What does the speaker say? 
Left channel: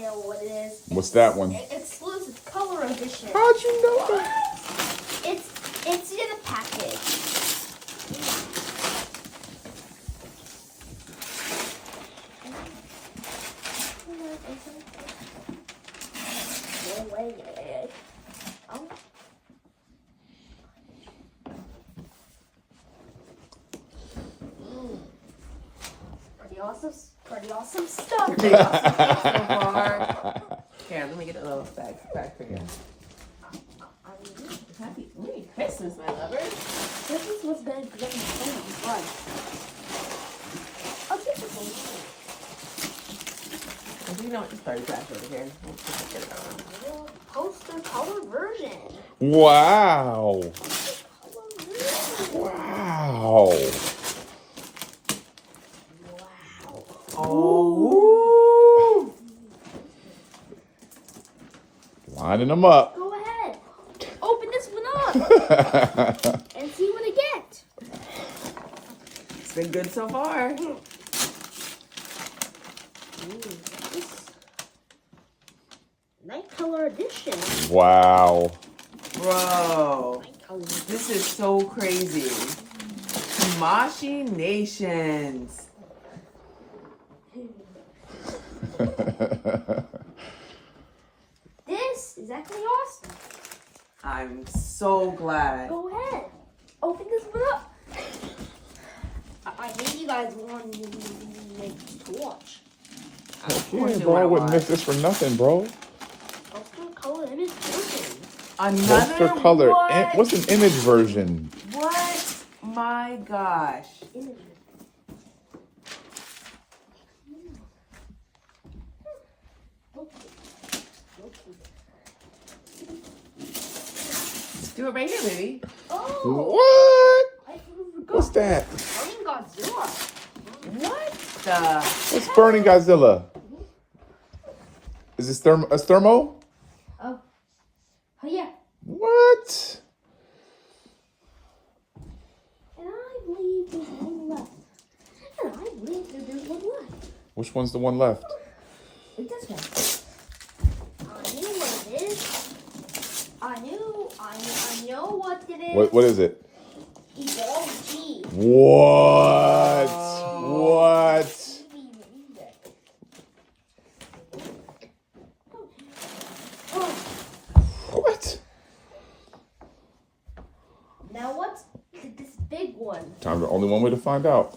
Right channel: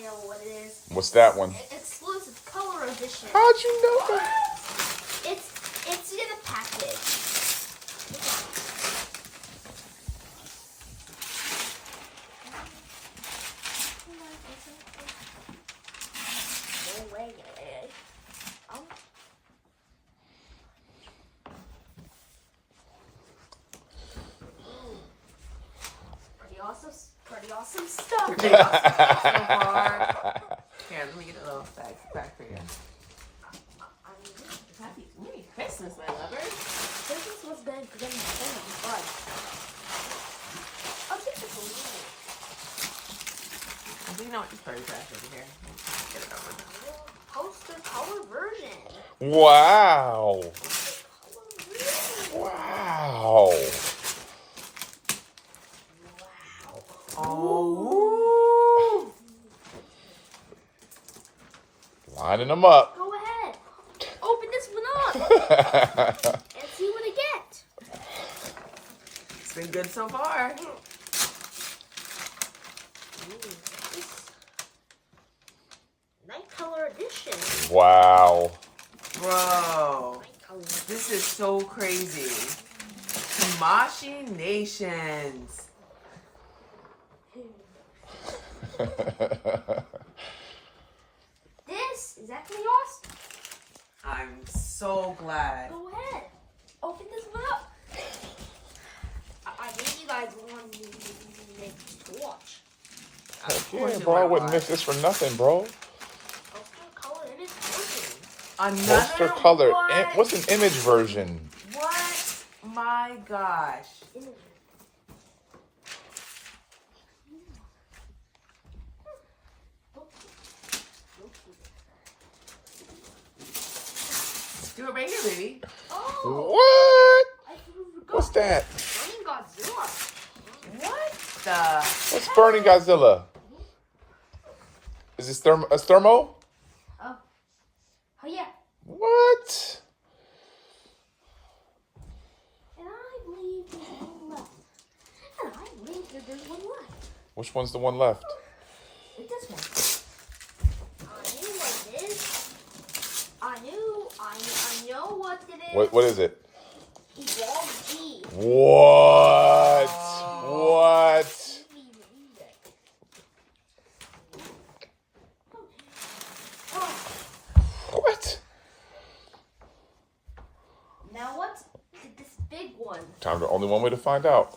know what it is. What's that one? Exclusive color edition. How'd you know that? It's in a package. No way. Oh. Pretty awesome stuff. Pretty awesome stuff so far. Here, let me get a little bag for you. Happy Merry Christmas, my lovers. Christmas was good for getting so much fun. I'll take this one. Do you know what? Just throw your trash over here. Let's get it on. Poster color version. Wow. Color version. Wow. Oh. Lining them up. Go ahead. Open this one up and see what I get. It's been good so far. Night color edition. Wow. Bro. Night color. This is so crazy. Tamashi Nations. This is actually awesome. I'm so glad. Go ahead. Open this one up. I think you guys want to watch. Of Yeah, course you bro, I want to wouldn't miss watch. this for nothing, bro. Poster color image version. Another Poster color. what? What's an image version? What? My gosh. Image. Do it right here, baby. Oh! What? I forgot. What's that? Burning Godzilla. What the? It's Burning Godzilla. Is this a thermo? Oh yeah. What? And I believe there's one left. And I believe that there's one left. Which one's the one left? It's this one. I knew what it is. I know what it is. What is it? Evolve G. What? What? What? Now what's this big one? Time the only one way to find out.